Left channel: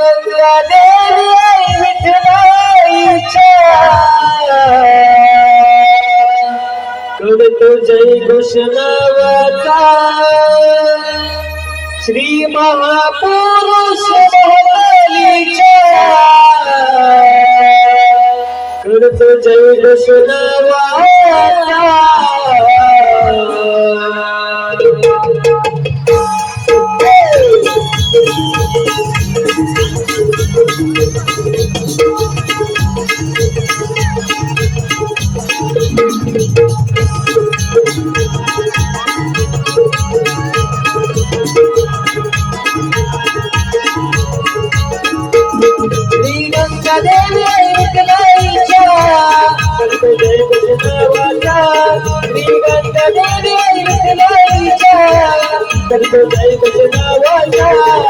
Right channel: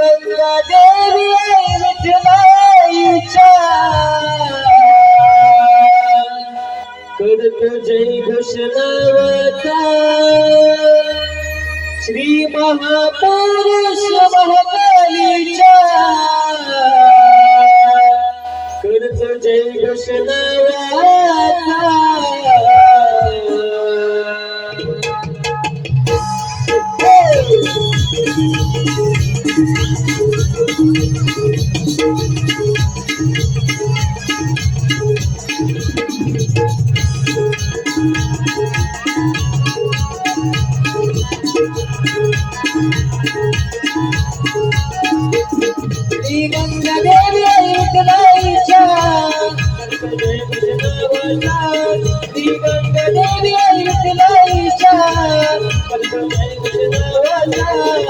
गंगा देवी करतो जय घुषणवता श्री महापुरुष करतो जय घुषणवता تكتب عيد الجناوية